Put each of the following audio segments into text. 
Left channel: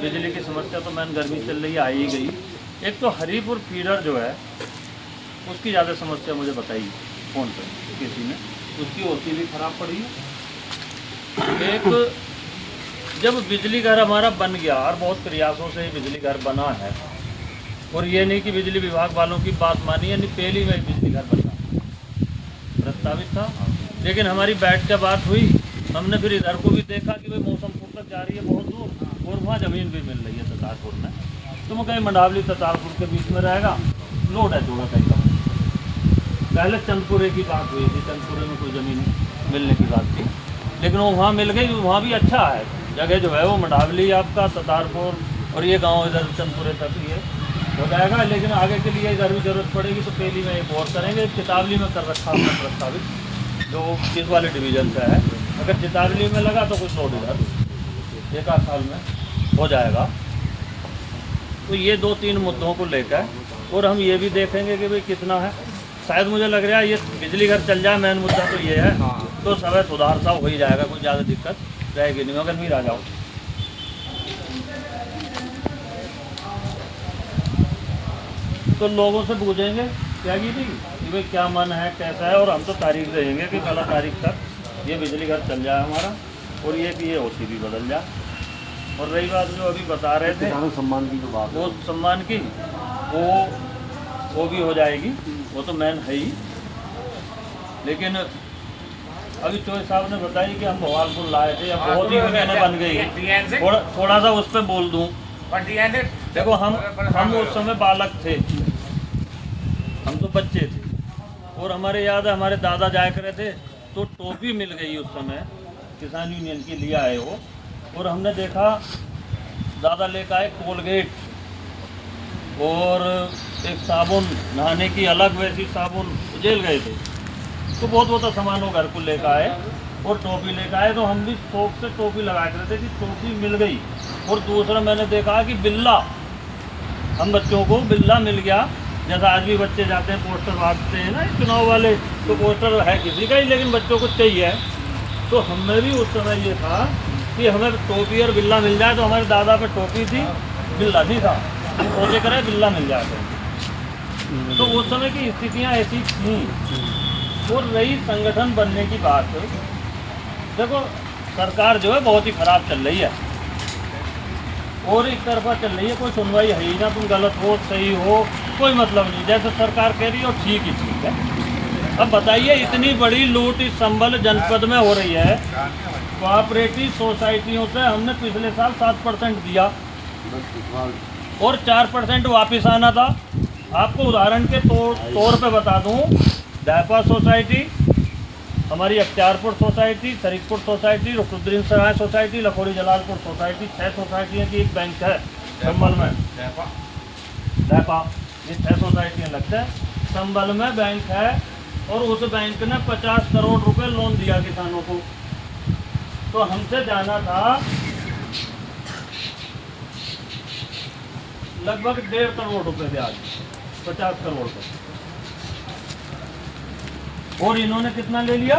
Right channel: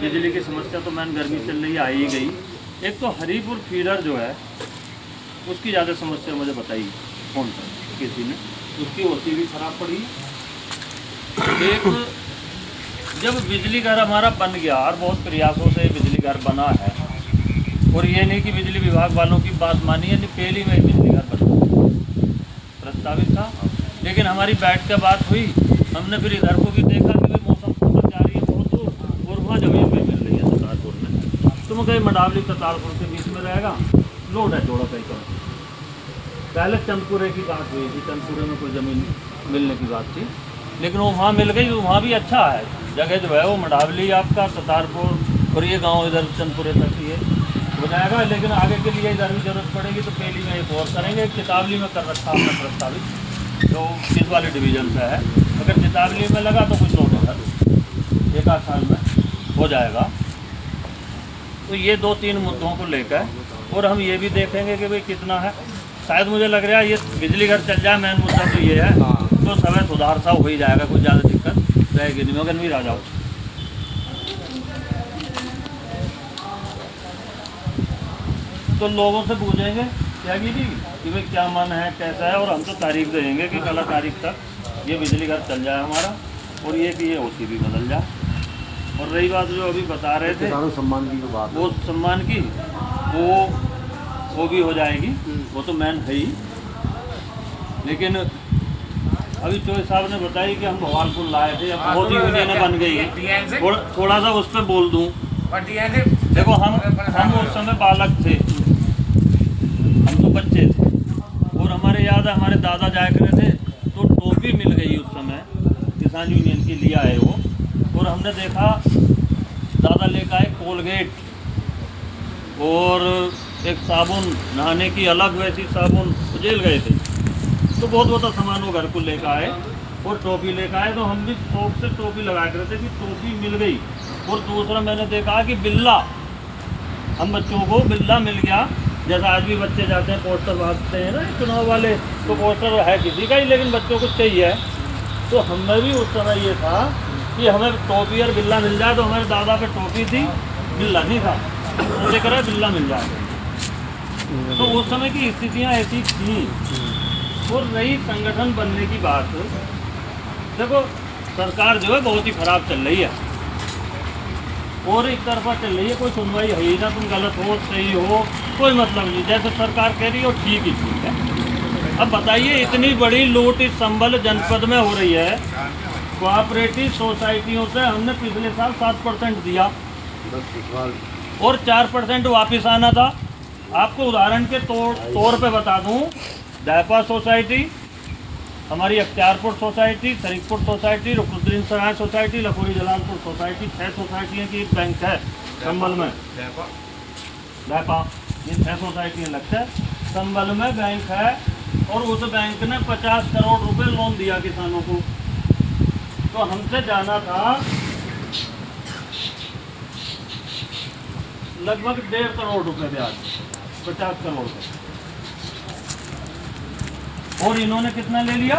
बिजली की समस्या तो मैंने गर्मी चल रही आ ही गई। एक तो हरीपुर फीडर जो है उसकी ज़्यादा समस्या मुझे बताई फ़ोन पर किसी ने, उसकी ओसी भी ख़राब पड़ी। एक जब बिजली घर हमारा बन गया और बहुत प्रयासों से बिजली घर बना है, और ये नहीं कि बिजली विभाग वालों की बात मानी, यानी पहली में बिजली घर बना प्रस्तावित था, लेकिन हमारी बैठ के बात हुई। हमने फिर इधर को भी देखा कि भाई मौसम पूर्व जा रही है बहुत दूर, और वहाँ ज़मीन भी मिल रही है ततालपुर में, तो मैं कहीं मंडावली ततालपुर के बीच में रहेगा, लोड है थोड़ा कहीं का। पहले चंदपुरे की बात हुई थी, चंदपुरे में कोई ज़मीन मिलने की बात थी, लेकिन वो वहाँ मिल गई। वहाँ भी अच्छा है जगह जो है, वो मंडावली आपका ततालपुर और ये गांव इधर चंदपुरे तक ही है, हो जाएगा। लेकिन आगे के लिए इधर भी ज़रूरत पड़ेगी तो पहली में एक और करेंगे। कितावली में कर रखा हमने प्रस्तावित, जो इस वाले डिवीज़न से है। अगर कितावली में लगा तो कुछ लोड इधर एक आध साल में हो जाएगा। तो ये 2-3 मुद्दों को लेकर, और हम ये भी देखेंगे कि भाई कितना है। शायद मुझे लग रहा है ये बिजली घर चल जाए, मेन मुद्दा तो ये है, तो समय सुधार सा हो ही जाएगा, कुछ ज़्यादा दिक्कत रहेगी नहीं। मगर नहीं आ जाओ तो लोगों से पूछेंगे क्या कि भाई क्या मन है, कैसा है, और हम तो तारीख देंगे कि कल तारीख तक ये बिजली घर चल जाए हमारा, और ये कि ये ओसी भी बदल जाए। और रही बात जो अभी बता रहे थे सम्मान की जो बात, वो सम्मान की, वो भी हो जाएगी, वो तो मैन है ही। लेकिन अभी चौधरी साहब ने बताई कि हम भवालपुर लाए थे, अब बहुत ही योजना बन गई। थोड़ा सा उस पर बोल दूँ। देखो हम उस समय बालक थे, हम तो बच्चे थे, और हमारे याद है हमारे दादा जाया करे थे तो टोपी मिल गई उस समय, किसान यूनियन की लिया है वो। और हमने देखा दादा लेकर आए कोलगेट और एक साबुन, नहाने की अलग वैसी साबुन, जेल गए थे तो बहुत सामान वो घर को लेकर आए, और टोपी लेकर आए। तो हम भी शौक से टोपी लगा कर थे कि टोपी मिल गई। और दूसरा मैंने देखा कि बिल्ला, हम बच्चों को बिल्ला मिल गया। जैसा आज भी बच्चे जाते हैं पोस्टर बांटते हैं ना चुनाव वाले, तो पोस्टर है किसी का ही, लेकिन बच्चों को चाहिए। तो हमें भी उस समय ये था कि हमें टोपी और बिल्ला मिल जाए। तो हमारे दादा पे टोपी थी, बिल्ला नहीं था, तो लेकर आए बिल्ला मिल जाए। तो उस समय की स्थितियाँ ऐसी थी। और रही संगठन बनने की बात, देखो सरकार जो है बहुत ही खराब चल रही है, और एक तरफा चल रही है, कोई सुनवाई है ही ना। तुम गलत हो सही हो कोई मतलब नहीं, जैसे सरकार कह रही हो ठीक ही ठीक है। अब बताइए इतनी बड़ी लूट इस संबल जनपद में हो रही है, कोऑपरेटिव सोसाइटियों से हमने पिछले साल 7% दिया और 4% वापस आना था। आपको उदाहरण के तौर पे बता दूं, दायपा सोसाइटी, हमारी अख्तियारपुर सोसाइटी, शरीफपुर सोसाइटी, रुकनुद्दीन सराय सोसाइटी, लखोड़ी जलालपुर सोसाइटी, 6 सोसाइटियों की एक बैंक है संबल में। दायपा ये 6 सोसाइटियाँ लगता है, संबल में बैंक है। और उस बैंक ने 50 करोड़ रुपए लोन दिया किसानों को। तो हमसे जाना था लगभग 1.5 करोड़ रुपए ब्याज, 50 करोड़ का। और इन्होंने कितना ले लिया?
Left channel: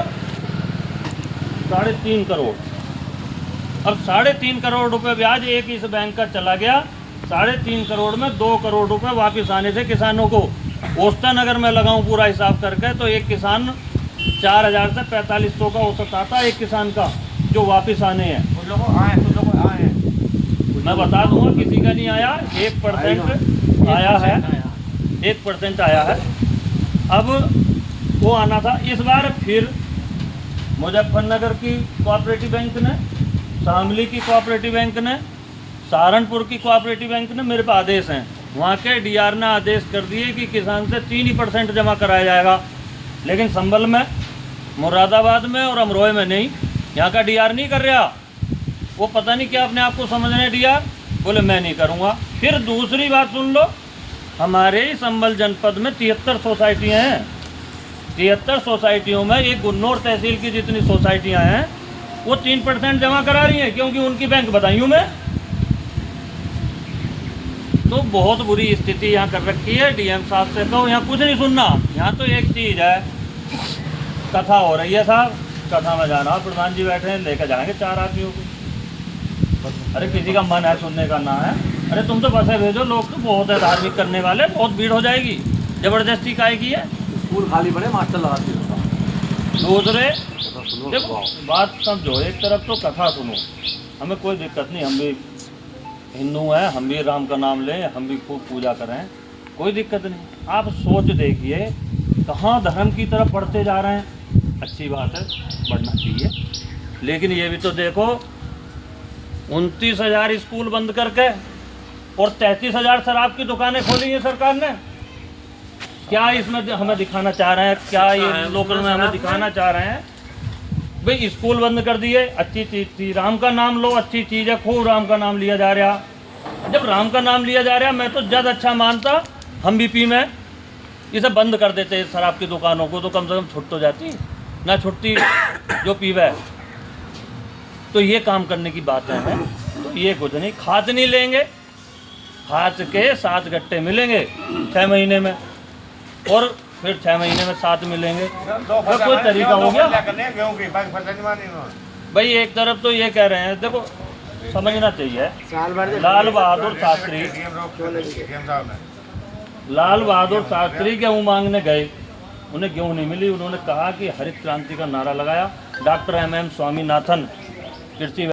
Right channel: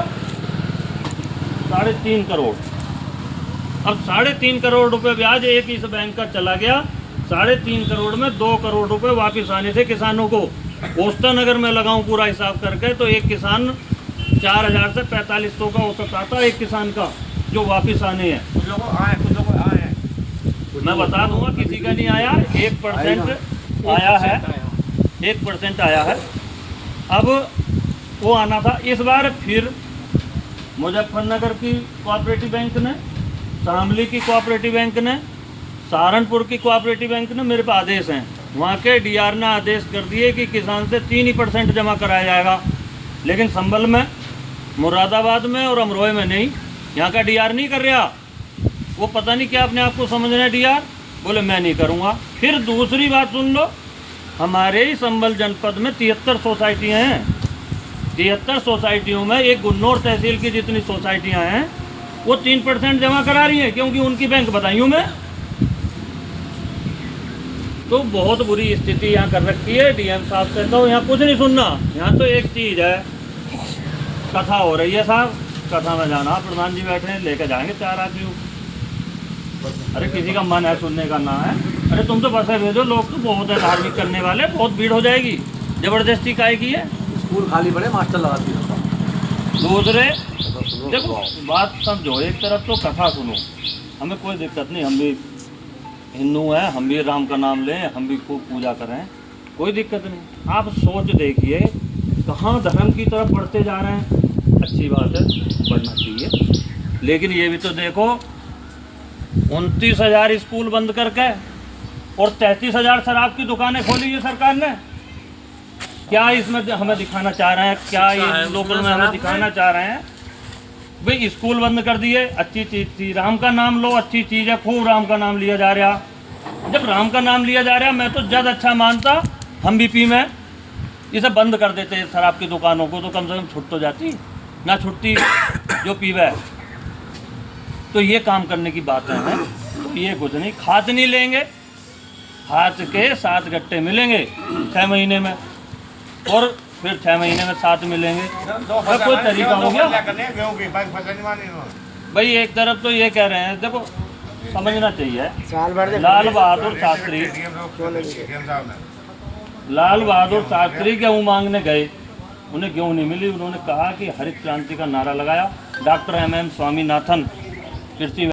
3.5 करोड़। अब 3.5 करोड़ रुपए ब्याज एक इस बैंक का चला गया। 3.5 करोड़ में 2 करोड़ रुपए वापस आने थे किसानों को। औसतन अगर मैं लगाऊं पूरा हिसाब करके तो एक किसान 4000 से 4500 का औसत आता है एक किसान का, जो वापस आने हैं। कुछ लोगों आए, कुछ लोगों आए हैं, मैं बता दूंगा, किसी का नहीं आया। 1% आया है, 1% आया है। अब वो आना था। इस बार फिर मुजफ्फरनगर की कोऑपरेटिव बैंक ने, शामली की कोऑपरेटिव बैंक ने, सहारनपुर की कोऑपरेटिव बैंक ने, मेरे पास आदेश हैं, वहाँ के डीआर ने आदेश कर दिए कि किसान से 3% जमा कराया जाएगा। लेकिन संभल में, मुरादाबाद में और अमरोहे में नहीं। यहाँ का डीआर नहीं कर रहा। वो पता नहीं क्या अपने आप को समझ रहे हैं डीआर, बोले मैं नहीं करूँगा। फिर दूसरी बात सुन लो, हमारे ही संभल जनपद में 73 सोसाइटियाँ हैं। 73 सोसाइटियों में एक गुन्नौर तहसील की जितनी सोसाइटियाँ हैं वो 3% जमा करा रही हैं, क्योंकि उनकी बैंक बताइयों में। तो बहुत बुरी स्थिति यहाँ कर रखी है डीएम साहब से। तो यहाँ कुछ नहीं सुनना, यहाँ तो एक चीज़ है, कथा हो रही है साहब, कथा में जाना, प्रधान जी बैठे हैं, लेकर जाएंगे 4 आदमियों को। अरे किसी का मन है सुनने का ना है, अरे तुम तो पैसे भेजो, लोग तो बहुत है धार्मिक करने वाले, बहुत भीड़ हो जाएगी, जबरदस्ती काहे की है। स्कूल खाली पड़े, मास्टर लगा दिए। दूसरे देखो बात समझो, एक तरफ तो कथा सुनो, हमें कोई दिक्कत नहीं, हम भी हिंदू हैं, हम भी राम का नाम लें, हम भी खूब पूजा करें, कोई दिक्कत नहीं। आप सोच देखिए कहाँ धर्म की तरफ बढ़ते जा रहे हैं। अच्छी बात है, बढ़ना चाहिए, लेकिन ये भी तो देखो 29,000 स्कूल बंद करके और 33,000 शराब की दुकानें खोली है सरकार ने। क्या इसमें हमें दिखाना चाह रहे हैं, क्या ये लोकल में हमें दिखाना चाह रहे हैं? भाई स्कूल बंद कर दिए, अच्छी चीज़ थी, राम का नाम लो, अच्छी चीज़ है, खूब राम का नाम लिया जा रहा। जब राम का नाम लिया जा रहा मैं तो ज़्यादा अच्छा मानता हम भी पी में इसे बंद कर देते शराब की दुकानों को, तो कम से कम छुट तो जाती ना, छुट्टी जो पीवे। तो ये काम करने की बातें हैं, तो ये कुछ नहीं, खाद नहीं लेंगे, खाद के 7 गट्टे मिलेंगे 6 महीने में, और फिर 6 महीने में 7 मिलेंगे, तो कोई तरीका हो गया। भाई एक तरफ तो ये कह रहे हैं, देखो समझना चाहिए, लाल बहादुर शास्त्री गेहूँ मांगने गए, उन्हें गेहूँ नहीं मिली, उन्होंने कहा कि हरित क्रांति का नारा लगाया। डॉक्टर MM स्वामीनाथन कृषि